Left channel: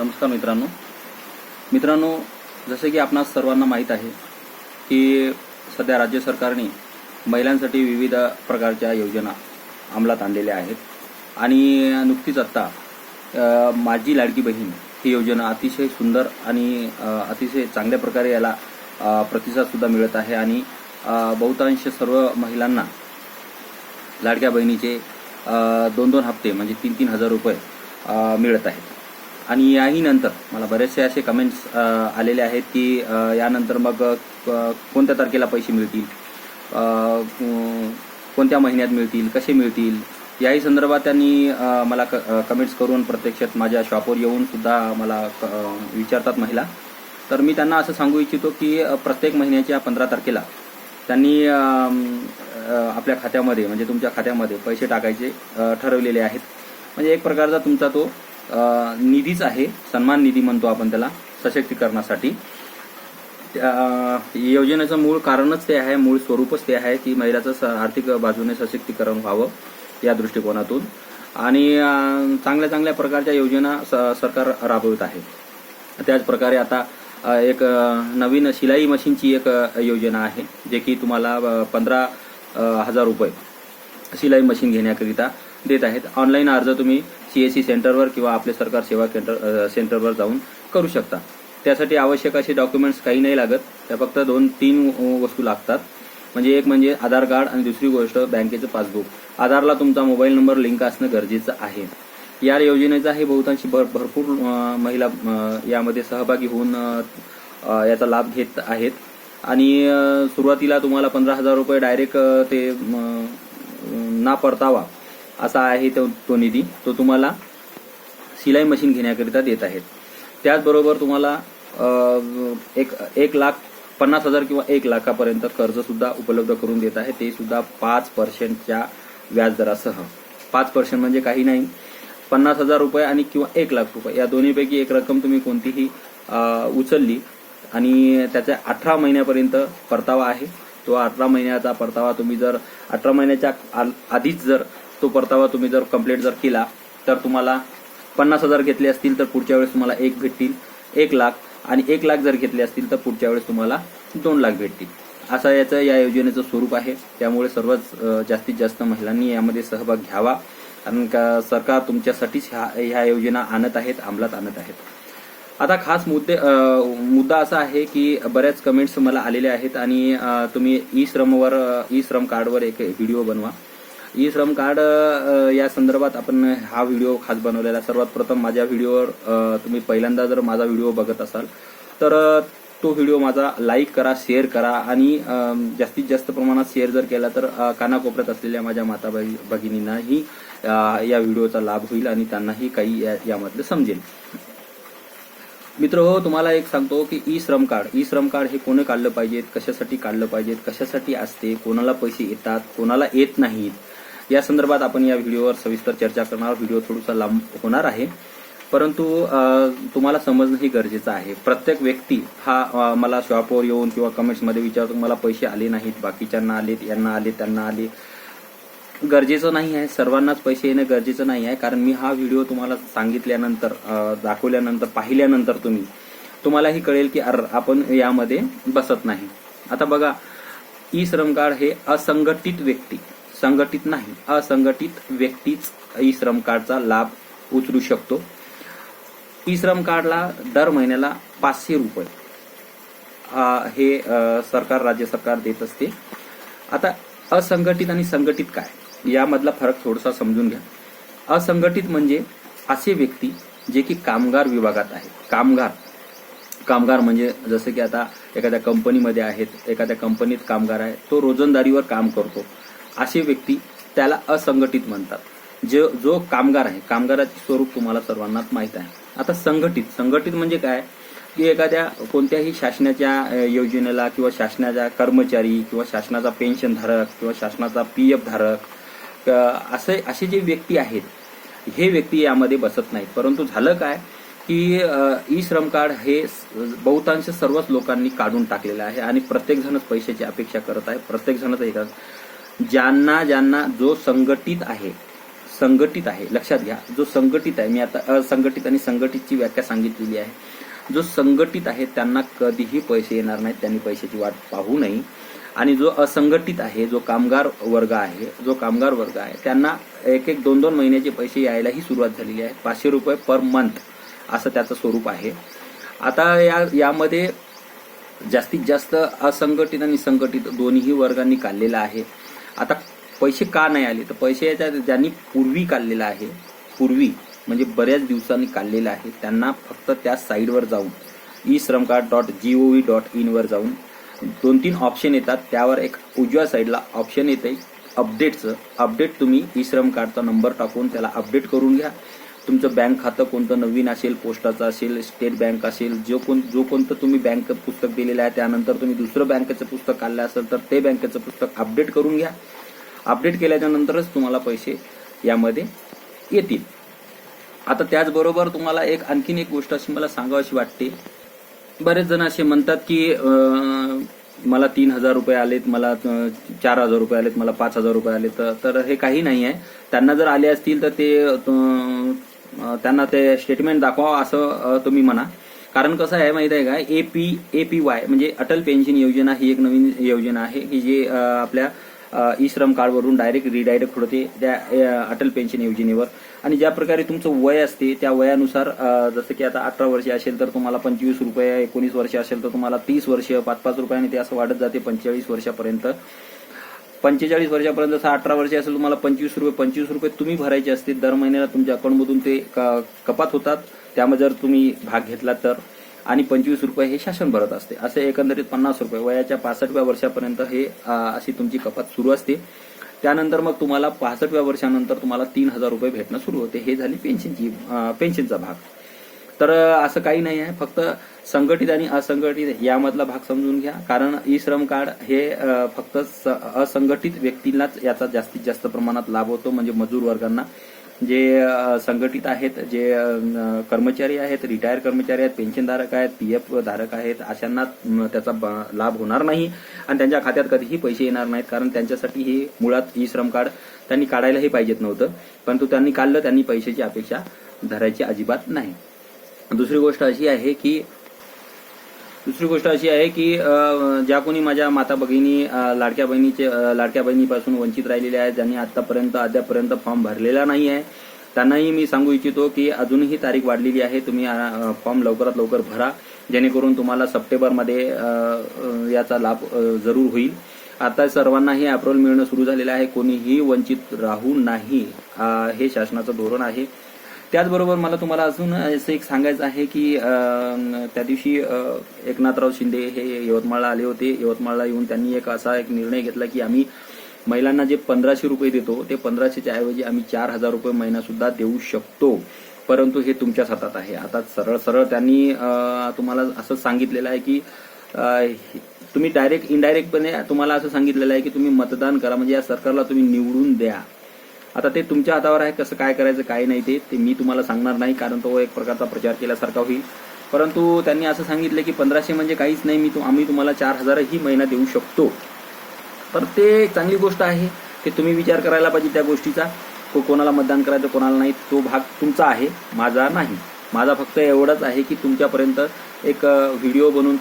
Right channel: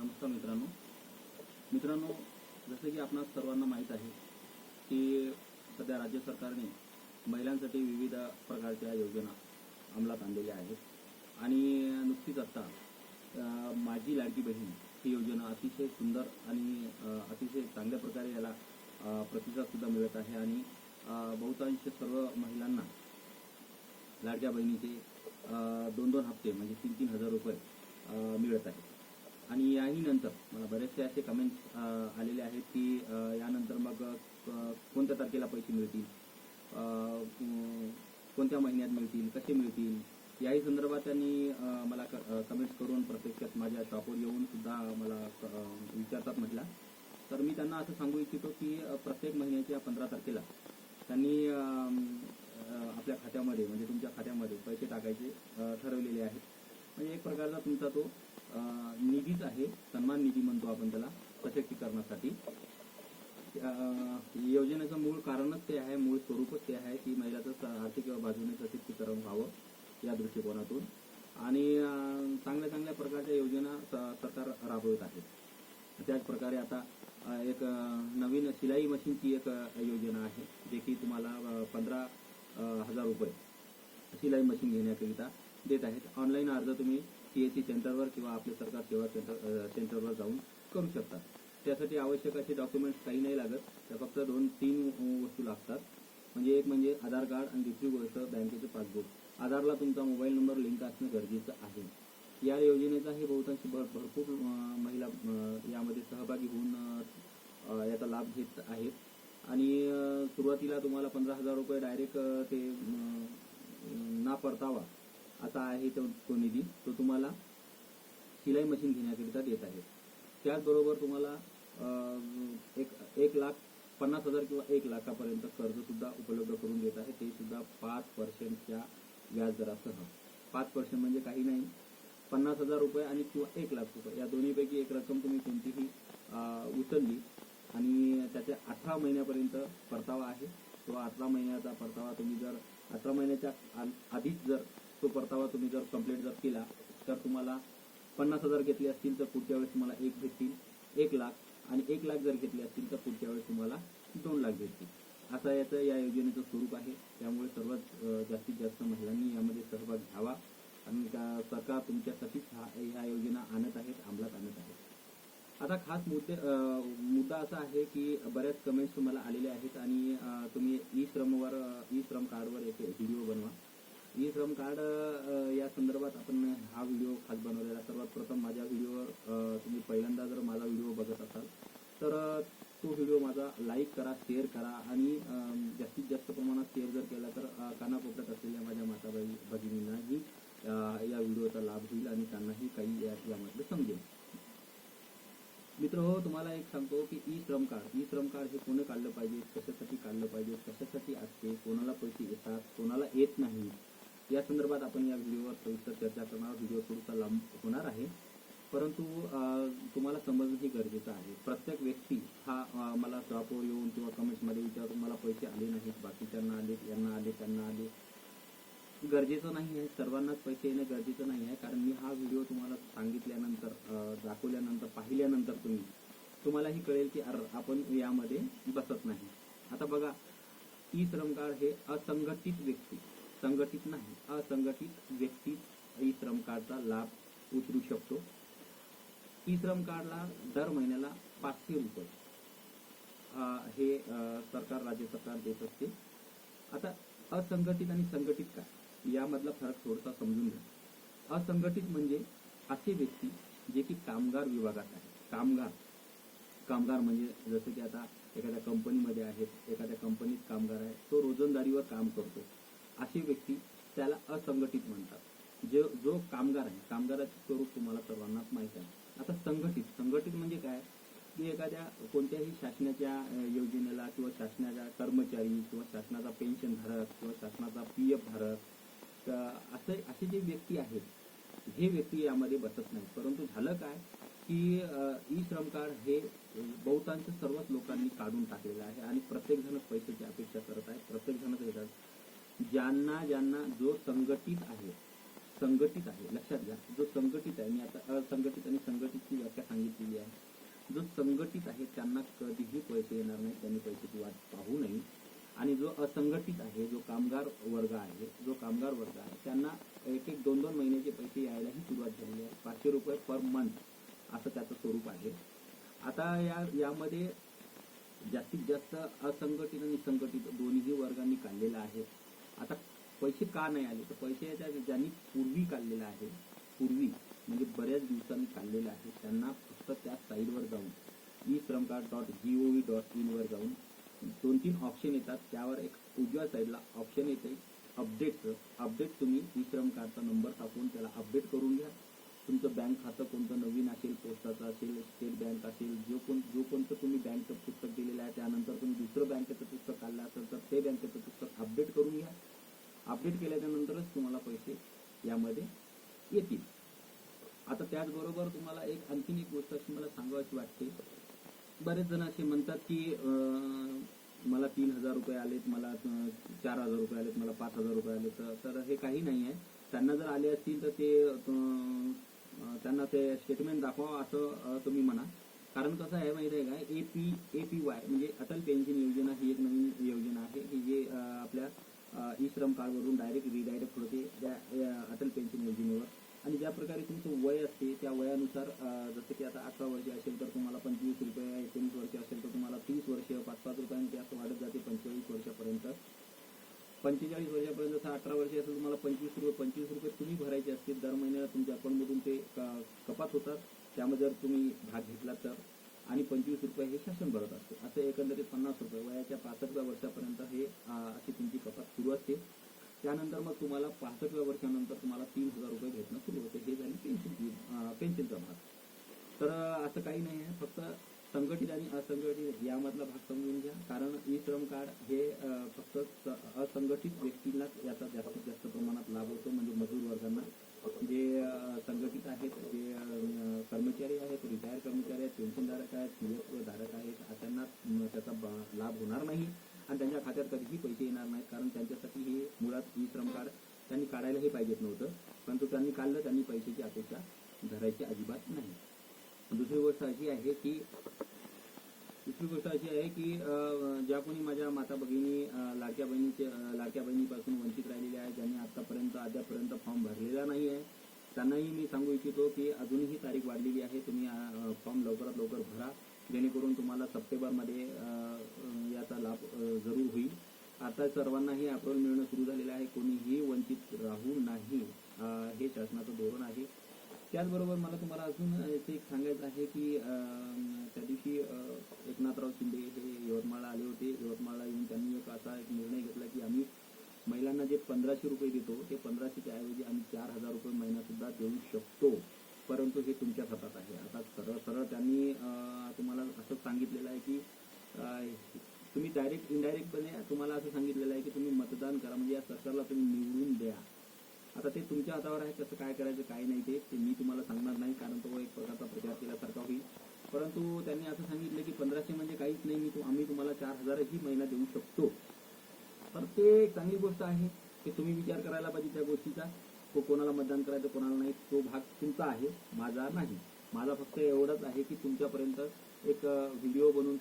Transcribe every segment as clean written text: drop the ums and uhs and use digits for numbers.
नमस्कार मित्रांनो, जसे की आपणास सर्वांना माहीत आहे की सध्या राज्य सरकारने महिलांसाठी विविध प्रकारच्या योजना अंमलात आणलेल्या आहेत आणि नुकतीच आत्ता माझी लाडकी बहीण ही योजना अतिशय सुंदर आणि अतिशय चांगल्या प्रकारे याला प्रतिसादसुद्धा मिळत आहे आणि बहुतांश सर्व महिलांना लाडक्या बहिणीचे 2-2 हप्ते म्हणजे 3-3 हजार रुपये मिळत आहेत. आणि याही नंतर मला बरेचसे असे कमेंट्स आलेले आहेत की यानंतर मग कोणत्या तारखेला पैसे मिळतील, कोणत्या महिन्यात मिळतील, कसे मिळतील, याही संदर्भात त्यांनी मला कमेंट्स करून प्रत्यक्षात माझ्या शॉपवर येऊन सुद्धा मला विचारतात महिला. तर मी त्यांना असं सांगू इच्छितो की प्रत्येक महिन्याच्या 15 तारखेला त्यांनी आपल्या खात्यामध्ये म्हणजे तुमच्या खात्यामध्ये पैसे टाकायचे ठरवलेले आहेत. म्हणजे एक प्रकारचा तुमचा तो निधीच आहे, सन्मान निधी म्हणतो आपण त्याला, सशक्तीकरणासाठी. योजनेचं मूळ कारणच ते आहे, मूळ स्वरूपच ते आहे की महिलाचं आर्थिक बाजूने सशक्तीकरण व्हावं या दृष्टिकोनातून. आणि चांगल्या प्रकारच्या योजना सरकार राबवत आहे. त्याच प्रकारे आता एक नवीन शिलाई मशीनची एक योजना आहे, जे की तुम्हाला 15,000 रुपये शिलाई मशीन घेण्याकरिता देत आहेत. ऑनलाईन अर्ज तुम्ही CSC सेंटरवर किंवा आपले सरकार सेवा सेंटरवर जाऊन करू शकता. त्यासाठी आवश्यक असे डॉक्युमेंट्स काही नाही लागत, त्या फक्त 2-3 वस्तू लागतात. म्हणजे एक म्हणजे आधार कार्ड आणि दुसरी गोष्ट बँकेचं पासबुक. आधारला तुमचा मोबाईल नंबर लिंक असणं गरजेचं आहे. या योजनेचा हे बहुतांशी भरपूर महिला यामध्ये सहभागी होऊन याचा लाभ घेत आहेत. आणि सुरुवातीला तुम्हाला 15,000 रुपये डायरेक्ट ते ना परतावा असा आहे तो निधी, तो तुम्हाला शिलाई मशीन घेण्याकरिता देत आहेत. त्याचबरोबर तुम्हाला 1,50,000 किंवा 1 लाखापर्यंत कर्ज सुद्धा उपलब्ध करून देत आहे, ते सुद्धा 5% व्याजदरासह. 5% म्हणजे काही नाही, 50,000 रुपये आणि किंवा 1 लाख रुपये या दोन्हीपैकी एक रक्कम तुम्ही कोणतीही उचलली आणि त्याच्या 18 महिन्यापर्यंत परतावा आहे. तो 18 महिन्याचा परतावा तुम्ही जर 18 महिन्याच्या आधीच जर तो परतावा तुम्ही जर कंप्लीट जर केला तर तुम्हाला 50,000 घेतले असतील तर पुढच्या वेळेस तुम्हाला 1 भेटतील 1 लाख, आणि 1 लाख जर घेतले असतील तर पुढच्या वेळेस तुम्हाला 2 लाख भेटतील. असं याचं या योजनेचं स्वरूप आहे. त्यामुळे सर्वच जास्तीत जास्त महिलांनी यामध्ये सहभाग घ्यावा, कारण का सरकार तुमच्यासाठीच ह्या योजना आणत आहेत, अंमलात आणत आहेत. आता खास मुद्दा असा आहे की बऱ्याच कमेंट्स मला आलेले आहेत आणि तुम्ही ई श्रम कार्डवर एक व्हिडिओ बनवा. ई श्रम कार्ड या संदर्भात आपण हा व्हिडिओ खास बनवलेला. सर्वात प्रथम माझ्या व्हिडिओवर तुम्ही पहिल्यांदा जर माझा व्हिडिओ बघत असाल तर तो व्हिडिओ माझा लाईक करा, शेअर करा आणि जास्तीत जास्त प्रमाणात शेअर जर केला तर कानाकोपऱ्यात असलेल्या माझ्या माता भगिनींनाही या व्हिडिओचा लाभ होईल आणि त्यांनाही काही यामधलं समजेल. मित्र हो, तुम्हाला एक सांगतो की ई श्रम कार्ड हे कोणी काढलं पाहिजेत, कशासाठी काढलं पाहिजेत, कशासाठी असते, कोणाला पैसे येतात, कोणाला येत नाहीत, या संदर्भात आपण या व्हिडिओवर सविस्तर चर्चा करणार. व्हिडिओ थोडासा लांब होणार आहे, परंतु तुम्हाला समजणंही गरजेचं आहे. प्रत्येक व्यक्ती हा मला शॉपवर येऊन किंवा कमेंट्समध्ये विचारतो मला पैसे आले नाहीत, बाकीच्यांना आलेत, यांना आले, त्यांना आले. गरजेचं नाही आहे, सर्वांनाच पैसे येणं गरजेचं नाही आहे. कारण मी हा व्हिडिओ तुम्हाला सांगितल्यानंतर, दाखवल्यानंतर, पाहिल्यानंतर तुम्हालाही कळेल की आपण यामध्ये बसत नाही. आता बघा, ई श्रम कार्ड हे असंघटित व्यक्ती, संघटित नाही, असंघटित व्यक्तीच ई श्रम कार्डचा लाभ उचलू शकतो. ई श्रम कार्डला दर महिन्याला 500 रुपये हे राज्य सरकार देत असते. आता असंघटित आणि संघटित काय, यामधला फरक थोडासा समजून घ्या. असंघटित म्हणजे असे व्यक्ती जे की कामगार विभागात आहेत. कामगार म्हणजे जसं की आता एखाद्या कंपनीमध्ये आहेत, एखाद्या कंपनीत कामगार आहे, तो रोजंदारीवर काम करतो, असे व्यक्ती त्याला असंघटित म्हणतात. जो कामगार आहे, कामगाराचे स्वरूप तुम्हाला सर्वांनाच माहीत आहे. आता संघटित म्हणजे काय की एखाद्या कोणत्याही शासनाच्या योजनेला किंवा शासनाच्या कर्मचारी किंवा शासनाचा पेन्शन धारक किंवा शासनाचा PF धारक असे जे व्यक्ती आहेत, हे व्यक्ती यामध्ये बसत नाहीत. परंतु झालं काय की ई श्रम कार्ड हे बहुतांश सर्वच लोकांनी काढून टाकलेलं आहे आणि प्रत्येक जणच पैशाची अपेक्षा करत आहे. प्रत्येक जणच ज्यांना जो संघटित आहे, संघटित आहे, लक्षात घ्या, जो संघटित आहे, मी आता असंघटित आणि संघटितची व्याख्या सांगितलेली आहे. जो संघटित आहे त्यांना कधीही पैसे येणार नाहीत, त्यांनी पैशाची वाट पाहू नये. आणि जो असंघटित आहे, जो कामगार वर्ग आहे, त्यांना एक 2-2 महिन्याचे पैसे यायलाही सुरुवात झालेली आहे. 500 रुपये पर मंथ असं त्याचं स्वरूप आहे. आता यामध्ये जास्तीत जास्त असंघटित आणि संघटित दोन्ही वर्गांनी काढलेला आहे. आता पैसे का नाही आले, तर पैसे याच्या ज्यांनी पूर्वी काढलेला आहे, पूर्वी म्हणजे बऱ्याच दिवसांनी काढलेला आहे, त्यांना फक्त त्या साईडवर जाऊन eShramCard.gov.in वर जाऊन 2-3 ऑप्शन येतात. त्यावर एक उजव्या साईडला ऑप्शन येते अपडेटचं. अपडेट तुम्ही eShram कार्डचा नंबर टाकून त्याला अपडेट करून घ्या. तुमचं बँक खातं कोणतं नवीन असेल, पोस्टाचं असेल, स्टेट बँक असेल, जो कोणतं तुम्ही बँक पुस्तक दिलेलं आहे, त्यानंतर तुम्ही दुसरं बँकेचं पुस्तक काढलं असेल तर ते बँकेचं पुस्तक अपडेट करून घ्या. अपडेट केल्याच्या नंतरच तुम्हाला पैसे यामध्ये येतील. आता त्याचबरोबर तुम्हाला आणखीन एक गोष्ट अशी मला सांगावीशी वाटते. बरेच जण असे म्हणतात की मला 3,000 रुपये आलेत, मला 4,000 रुपये आलेत, मला 5,000 रुपये आलेत. तर हे काही नाही आहे. त्यांना जर आले असतील तर त्यांना ते स्टेटमेंट दाखवा असं तुम्ही म्हणा. कारण कसं आहे माहिती आहे का, APY म्हणजे अटल पेन्शन योजना ही एक नवीन योजना आहे की जे आपल्या eShram कार्डवरून रिडायरेक्ट होते त्या अटल पेन्शन योजनेवर. आणि ज्या प्रकारे तुमचं वय असते त्या वयानुसार, जसं की आता 18 वर्ष असेल तर तुम्हाला 25 रुपये, 19 वर्ष असेल तर तुम्हाला 30 वर्ष, 5-5 रुपयाने ते असं वाढत जाते 45 वर्षापर्यंत. 45 वर्षापर्यंत, जसं 18 वर्ष असेल तुम्हाला 25 रुपये तुम्ही भरायचे असते. दर महिन्याला तुमच्या अकाउंटमधून ते कपात होतात. त्यामध्ये जर तुम्ही भाग घेतला तर, आणि 25 रुपये हे शासन भरत असते. असे एकंदरीत 50 रुपये वयाच्या 65व्या वर्षापर्यंत हे अशी तुमची कपात सुरू असते. त्यानंतर मग तुम्हाला 65व्या वर्षानंतर तुम्हाला 3,000 रुपये भेटणं सुरू होते. हे झाली पेन्शनचा भाग. तर असं काही नाही आहे, फक्त संघटित आणि असंघटित यामधला भाग समजून घ्या. कारण eShram कार्ड हे फक्त असंघटित व्यक्तींनाच याचा जास्तीत जास्त प्रमाणात लाभ होतो. म्हणजे मजूर वर्गांना, जे संघटित आहेत, जे कर्मचारी आहेत, रिटायर कर्मचारी आहेत, पेन्शनधारक आहेत, PF धारक आहेत, अशांना त्याचा लाभ होणार नाही आणि त्यांच्या खात्यात कधीही पैसे येणार नाहीत. कारण त्यांच्यासाठी हे मुळात eShram कार्ड त्यांनी काढायलाही पाहिजेत नव्हतं, परंतु त्यांनी काढलं. त्यांनी पैशाची अपेक्षा धरायची अजिबात नाही. दुसरी गोष्ट अशी आहे की ज्या कोणी माझ्या माता भगिनी लाडक्या बहिणीपासून वंचित राहिलेले आहेत, ज्यांनी अद्यापर्यंत फॉर्म भरलेला नाही आहे, त्यांनाही मी सांगू इच्छितो की अजूनही तारीख वाढलेली आहे. तुम्ही फॉर्म लवकरात लवकर भरा, जेणेकरून तुम्हाला सप्टेंबरमध्ये याचा लाभ जरूर होईल. आता सर्वांनाही अप्रूव्हल मिळणं सुरू झालेलं आहे. कोणीही वंचित राहू नाही, हे शासनाचं धोरण आहे. त्याचबरोबर मला तुम्हाला अजून असं एक सांगायचं आहे की त्या दिवशी एकनाथराव शिंदे हे यवतमाळला आले होते. यवतमाळला येऊन त्यांनी असा एक निर्णय घेतला की आम्ही महिलांना जे 1,500 रुपये देतो ते 1,500च्या ऐवजी आम्ही 4,000 रुपये महिना सुद्धा देऊ शकतो, परंतु हे तुमच्याच हातात आहे. आता सरळ त्यांनी तुम्हाला असं सांगितलेलं आहे की तुम्ही इनडायरेक्टपणे तुम्हाला असं सांगितलेलं आहे की तुम्ही मतदान करा, म्हणजे या सरकारला तुम्ही निवडून द्या. आता ते तुमच्या हातावर आहे, कसं काय करायचं काय नाही ते मी तुम्हाला सांगणार नाही, कारण तो एक प्रकारचा प्रचार केल्यासारखा होईल. परंतु त्यांनी असं सांगितलं की 1,500 म्हणजे काहीच नाही, आम्ही तुम्हाला 4,000 ही महिना देऊ शकतो. तर ते चांगली गोष्ट आहे, ते तुम्ही विचार करायला पाहिजे त्या गोष्टीचा. कोणाला मतदान करायचं कोणाला नाही तो भाग तुमचा आहे, माझा नाही. माझा फक्त एवढंच आहे की तुमच्यापर्यंत एक व्हिडिओ बनवून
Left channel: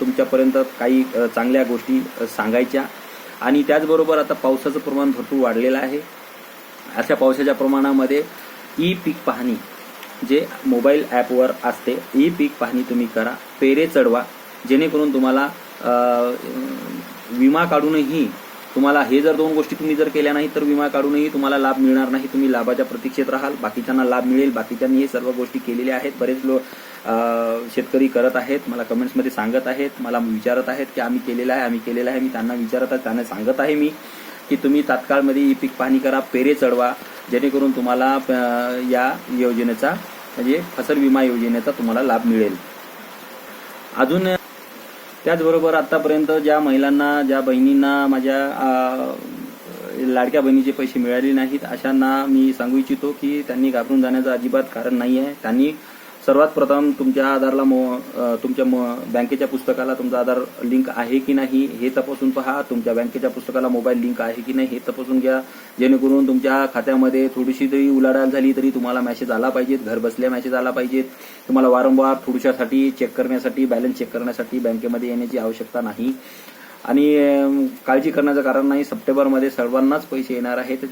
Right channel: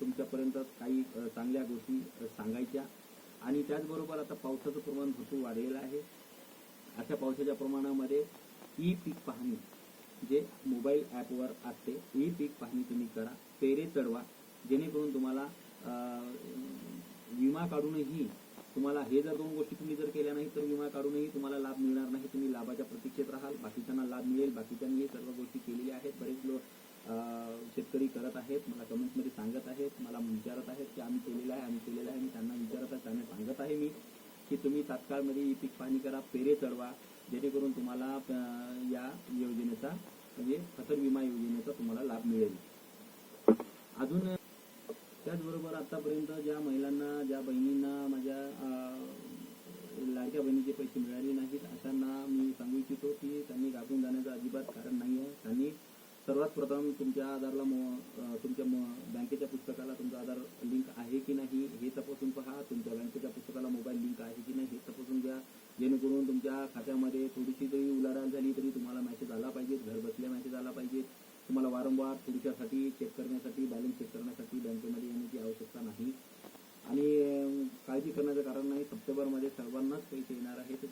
तुमच्यापर्यंत काही चांगल्या गोष्टी सांगायच्या. आणि त्याचबरोबर आता पावसाचं प्रमाण भरपूर वाढलेलं आहे. अशा पावसाच्या प्रमाणामध्ये ई-पीक पाहणी जे मोबाईल ॲपवर असते, ई-पीक पाहणी तुम्ही करा, पेरे चढवा, जेणेकरून तुम्हाला विमा काढूनही तुम्हाला हे जर 2 गोष्टी तुम्ही जर केल्या नाही तर विमा काढूनही तुम्हाला लाभ मिळणार नाही. तुम्ही लाभाच्या प्रतीक्षेत राहाल, बाकीच्यांना लाभ मिळेल. बाकीच्यांनी हे सर्व गोष्टी केलेल्या आहेत. बरेच शेतकरी करत आहेत, मला कमेंट्समध्ये सांगत आहेत, मला विचारत आहेत की आम्ही केलेलं आहे. मी त्यांना विचारत आहे, त्यांना सांगत आहे मी की तुम्ही तात्काळमध्ये ई-पीक पाहणी करा, पेरे चढवा, जेणेकरून तुम्हाला या योजनेचा म्हणजे फसल विमा योजनेचा तुम्हाला लाभ मिळेल. अजून त्याचबरोबर आतापर्यंत ज्या महिलांना, ज्या बहिणींना माझ्या लाडक्या बहिणीचे पैसे मिळाले नाहीत, अशांना मी सांगू इच्छितो की त्यांनी घाबरून जाण्याचं अजिबात कारण नाही आहे. त्यांनी सर्वात प्रथम तुमच्या आधारला तुमच्या बँकेच्या पुस्तकाला तुमचा आधार लिंक आहे की नाही हे तपासून पहा. तुमच्या बँकेच्या पुस्तकाला मोबाईल लिंक आहे की नाही हे तपासून घ्या, जेणेकरून तुमच्या खात्यामध्ये थोडीशी जरी उलाढाल झाली तरी तुम्हाला मेसेज आला पाहिजेत, घर बसल्या मेसेज आला पाहिजेत. तुम्हाला वारंवार थोडशासाठी चेक करण्यासाठी, बॅलन्स चेक करण्यासाठी बँकेमध्ये येण्याची आवश्यकता नाही. आणि काळजी करण्याचं कारण नाही, सप्टेंबरमध्ये सर्वांनाच पैसे येणार आहेत.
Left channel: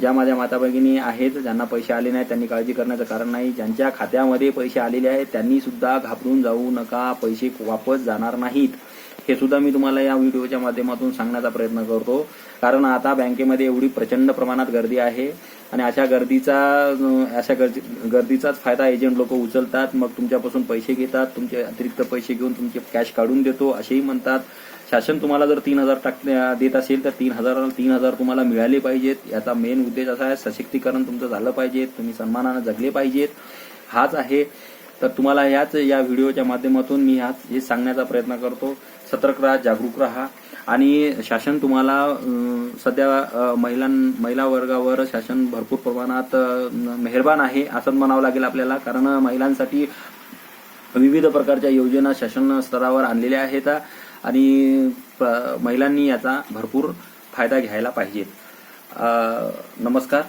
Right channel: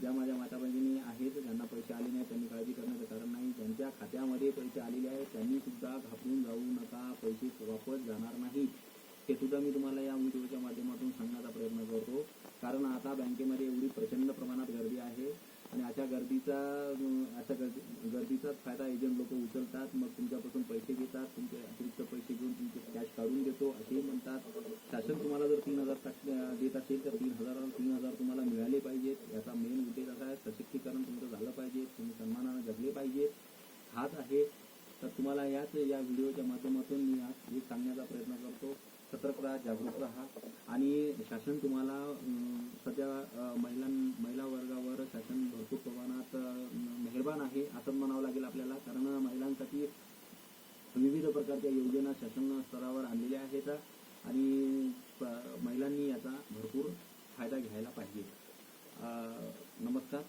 ज्या माझ्या माता भगिनी आहेत ज्यांना पैसे आले नाहीत त्यांनी काळजी करण्याचं कारण नाही. ज्यांच्या खात्यामध्ये पैसे आलेले आहेत त्यांनी सुद्धा घाबरून जाऊ नका, पैसे वापस जाणार नाहीत. हे सुद्धा मी तुम्हाला या व्हिडिओच्या माध्यमातून सांगण्याचा प्रयत्न करतो. कारण आता बँकेमध्ये एवढी प्रचंड प्रमाणात गर्दी आहे आणि अशा गर्दीचाच फायदा एजंट लोक उचलतात. मग तुमच्यापासून पैसे घेतात, तुमचे अतिरिक्त पैसे घेऊन तुमचे कॅश काढून देतो असेही म्हणतात. शासन तुम्हाला जर 3,000 देत असेल तर 3,000 तुम्हाला मिळाले पाहिजेत. याचा मेन उद्देश असा आहे, सशक्तीकरण तुमचं झालं पाहिजे, तुम्ही सन्मानानं जगले पाहिजेत, हाच आहे. तर तुम्हाला या व्हिडिओच्या माध्यमातून मी हे सांगण्याचा प्रयत्न करतो. सतर्क राहा, जागरूक राहा. आणि शासन तुम्हाला सध्या महिला वर्गावर शासन भरपूर प्रमाणात मेहरबान आहे असं म्हणावं लागेल आपल्याला. कारण महिलांसाठी विविध प्रकारच्या योजना शासन स्तरावर आणलेल्या आहेत आणि महिलांनी याचा भरपूर फायदा घ्यायला पाहिजे. नमस्कार.